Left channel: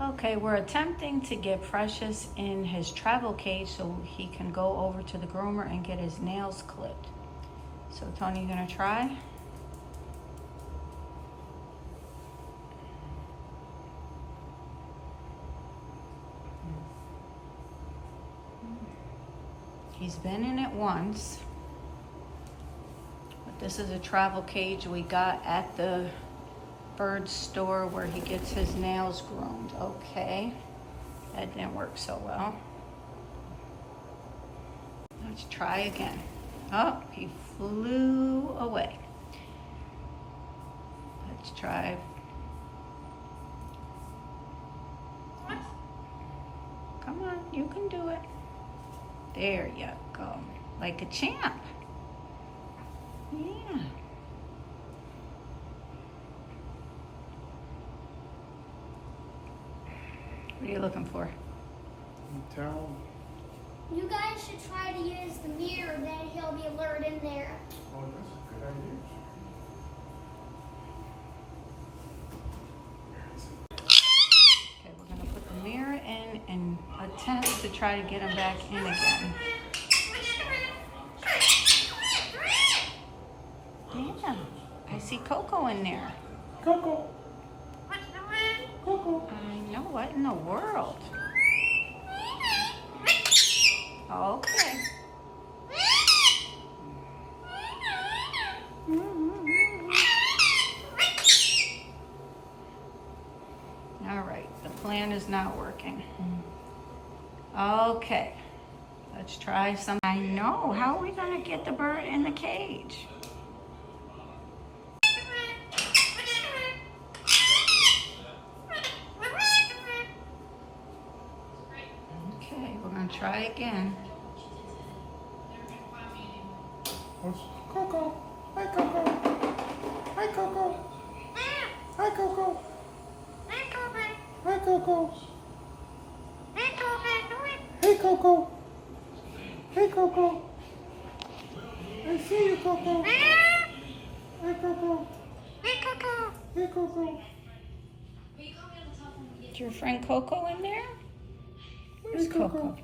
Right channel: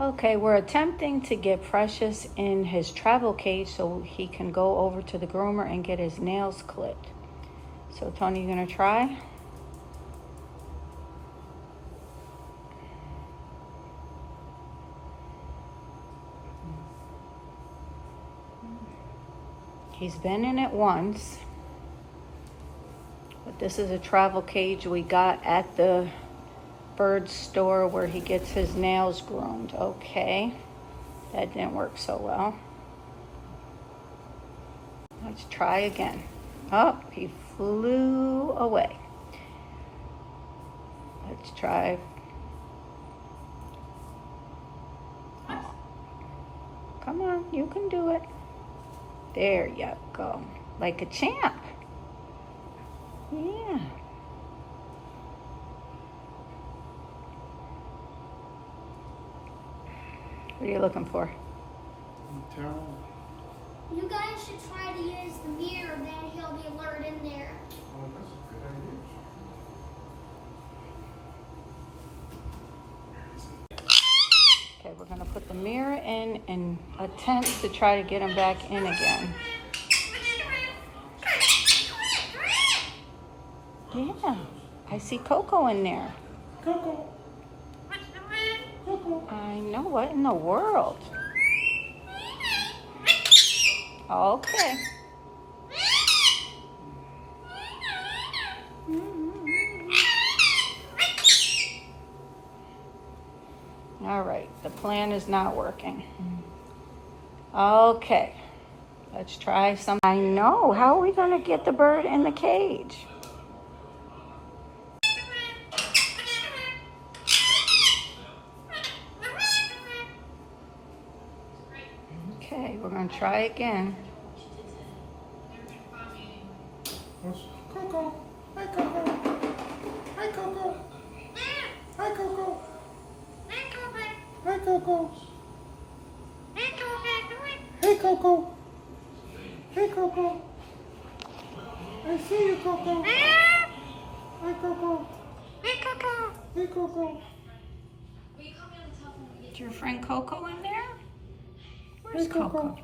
Okay, we're attempting to get Precious in his travel cage so he can go over to the groomer and get his nails clipped. So Tony, you gonna try? He's been in it once, but this is a travel cage we got at the bird store where he gets his nails groomed. Okay, that didn't work so well. Let's try again. Oh, he flew away. Let's try. Come on, you can do it. There you go. Like a champ. Yeah. What are you looking for? Towel. You guys should try to use the mirror, then he'll be lured in there. Oh, that's a good idea. Okay, we're gonna put the mirror in and attempt to try to get him back in again. Yeah, I see Coco in there. Coco. Coco. I know, what in the world? Okay. All right, the plan is not working. Okay, let's try some. I know, how are we gonna get the bird in the cage? Okay, we're gonna try again. Coco. Hi, Coco. Hi, Coco. Hi, Coco. Hi, Coco. Hey, Coco. Hey, Coco. I see you, Coco. Hi, Coco. Hey, Coco. Is your friend Coco in there? Where's Hey, Coco. Coco?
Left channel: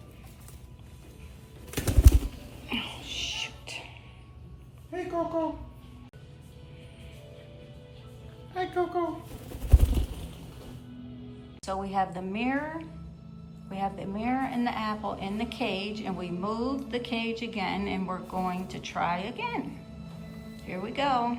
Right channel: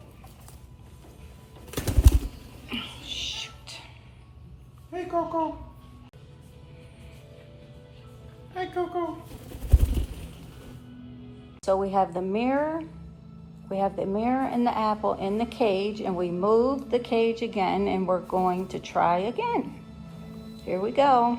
Oh, shoot. Hey, Coco. Hi, Coco. So we have the mirror and the apple in the cage, and we moved the cage again, and we're going to try again. Here we go.